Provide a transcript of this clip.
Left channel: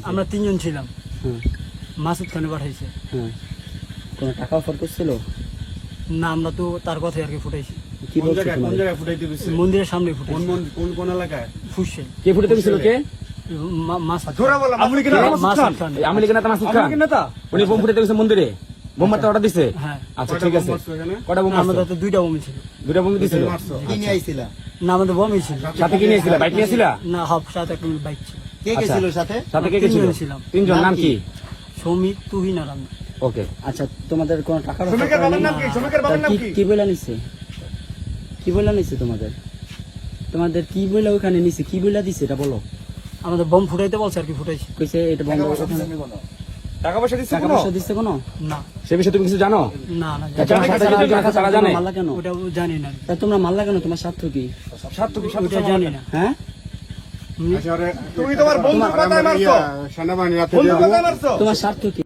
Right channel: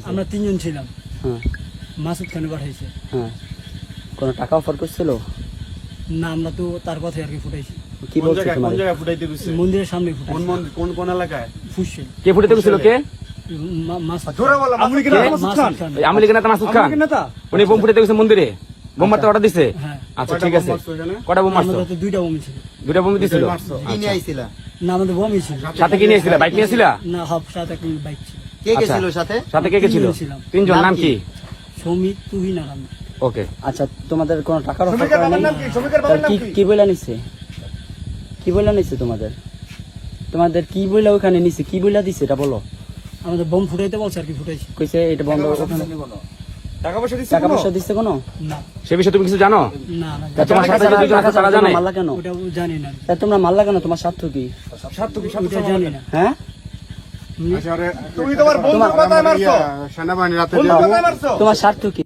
পাঠাইছে? আমরা 3 জন ছিলাম। হ্যাঁ মাসুদ খানে পাঠাইছে। হ্যাঁ, কোনো টাকা অফার করছিল? না, আমরা তো তার কথাই আর কি ফুটাইছি। কি বলছে কোন তোমাদের? জায়গায় ফুটাইতে দিছে? মন্দিরের সামনে কোন ফুটাইছি। মন্দির, কোন এলাকায়? ফুসছে কে ফুটাতে গেছিল? কে? মাসুদ ধরে বলো, আওয়ামী লীগের নেতা মাসুদ খান? খান। এই আওয়ামী লীগের নেতা মাসুদ খান? লীগের নেতা? উনি বোম ফুটাতে গেছে মন্দিরে, বোম মারতে অর্ডার দিছে? হ্যাঁ। আচ্ছা কয়টা ঠিক বোম আছে। মারছো এখানে? কটা বোম আমাদের মারছো? তো 2টা বোম ছিল। 2টা বোম দিছিল? দুইটাই মারছো? কি নিয়ে আইছিলা? না, আমাদের বোমই ছিল। সাথে কি নিয়েছিলা? বাইক নিয়েছিলা? না, হাফ সাথে একটা বাইক ছিল। কে গেছিল সাথে? সাথে কে গেছিল? 3 জন ছিলাম। 3 জন, নাম কি? সৌমিত, তুহিন আর আমি। ওকে। আচ্ছা, তোমাদের কোনো টাকার অফার শ্রমিকের করে বাবার না? নাম কি? শ্রমিকের তাহলে বাবার নাম কি কি? কি বইলা নিছে? কি বইলা নিছে তোমাদের? তোমাদের কি বইলা ওখানে নিছে? কি বইলা দিছে এটা বলো। আমাদের বোম ফুটাইতে বলছে আর কি, ফুটাইছি। কইছে এটা বন্ধ করে দাও। টাকা পয়সা দিচ্ছে টাকা কোনো? পয়সা দিছে কোনো? না সে বিষয়ে তুমি কিছু জানো? না না, তোমার সাথে যদি টাকা তারা জানে? জানি। মারলা কেন? ওটা জানি না। তা তোমরা মারলা কেন? তোমার স্বার্থ কি? স্বার্থ কি? ওটা জানি না। হ্যাঁ, আচ্ছা, আরে, তুমি তোমার বন্ধুর মাথায় মারছো? সেনাবাহিনী রাতে বন্ধুর দিয়ে দিবো। মাথায় মারছো? তোমার স্বার্থ কি?